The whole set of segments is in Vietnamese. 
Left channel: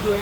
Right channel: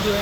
Suốt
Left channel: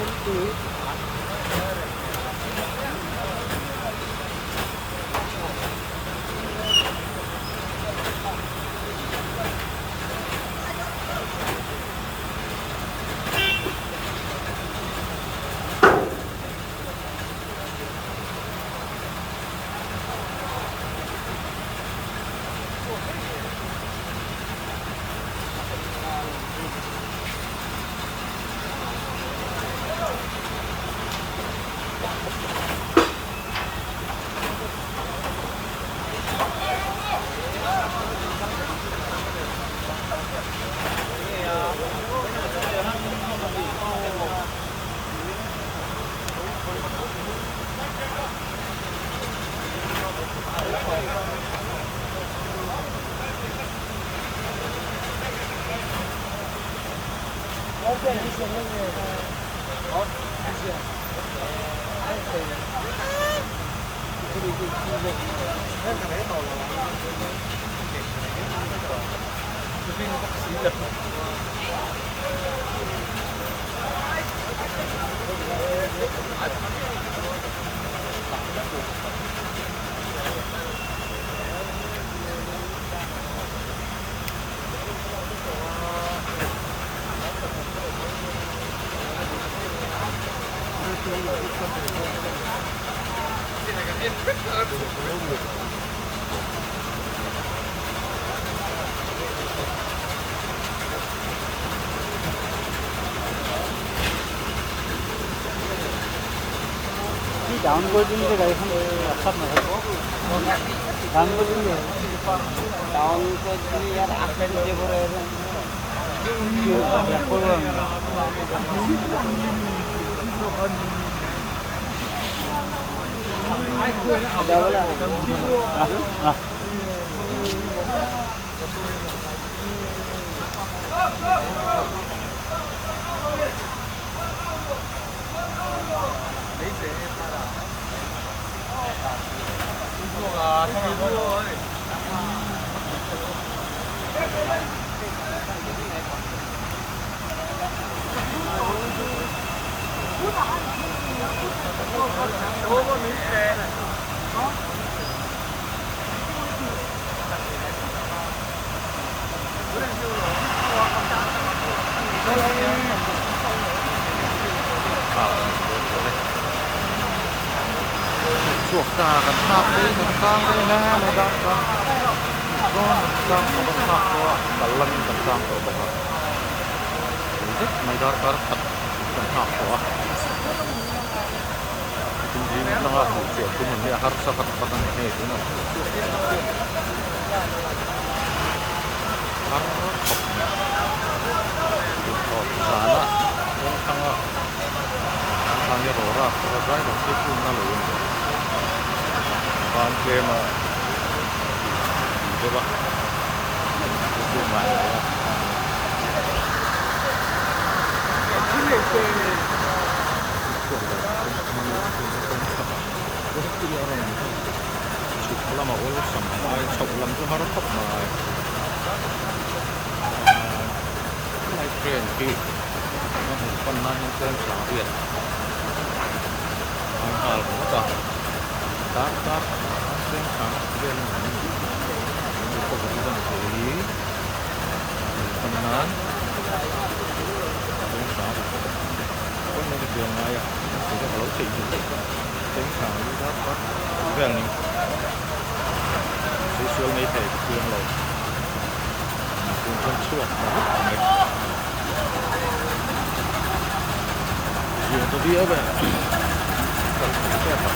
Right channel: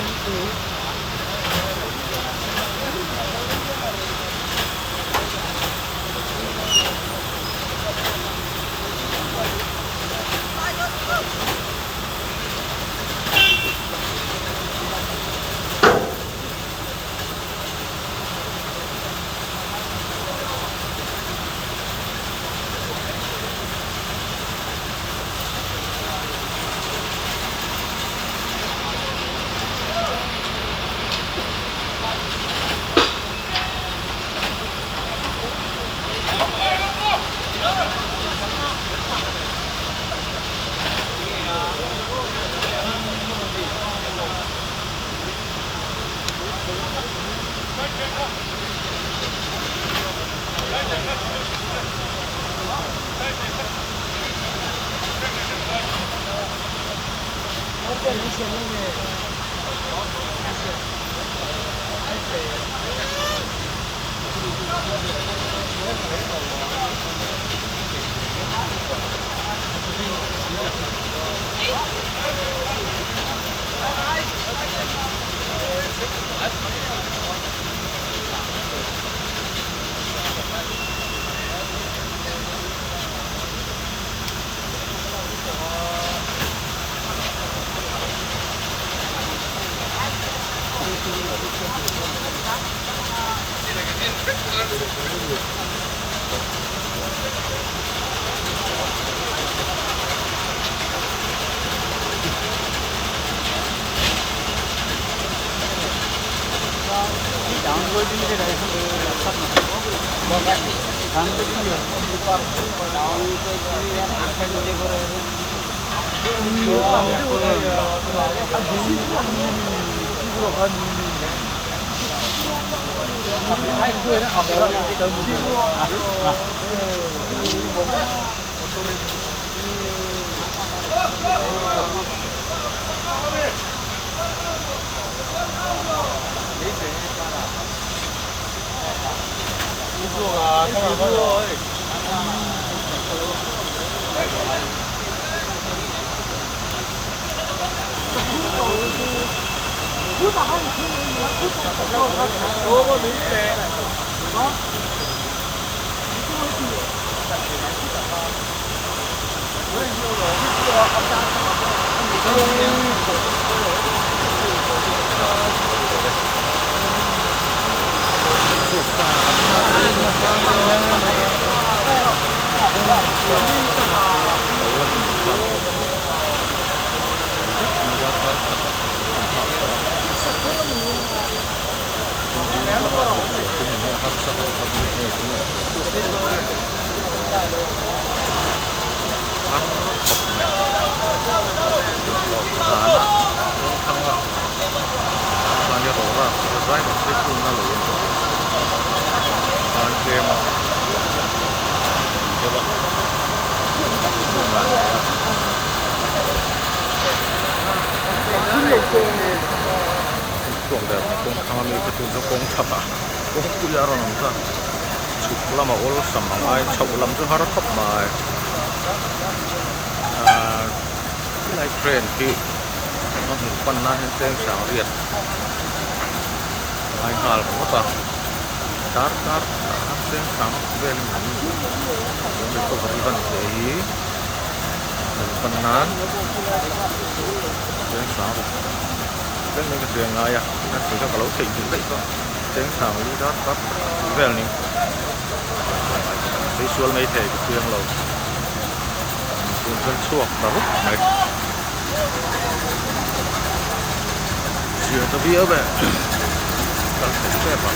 cả các tháp ấy chúng ta mới lẽ mới đó có các tháp của cả lần các tháp của bọn mình rất mới đó có các tháp của chính là những điều chúng mình harus harus pernah itu harus sana tengah hanya orang selesai masih punya loh kan kema coba itu nggak ya Kuang dah kuang kami betul kuang apa kuang kuliah orang nggak sekolah mau ulas sama mai sekolah tu harus top mai like train ki nó một phần nan hiện trên sáng riết mai hal cũng có tar trên sáng về lên mình để có vật phần gì một phần nan trên sáng cái này cái chuyện này à nó chỉ cho cả lối chỉnh đấy thôi trên sáng đi đó về này đi xuống này thì cái chuyện lâu con suộc và hút mệt chuyện tôi biết vậy cần phải xếp vào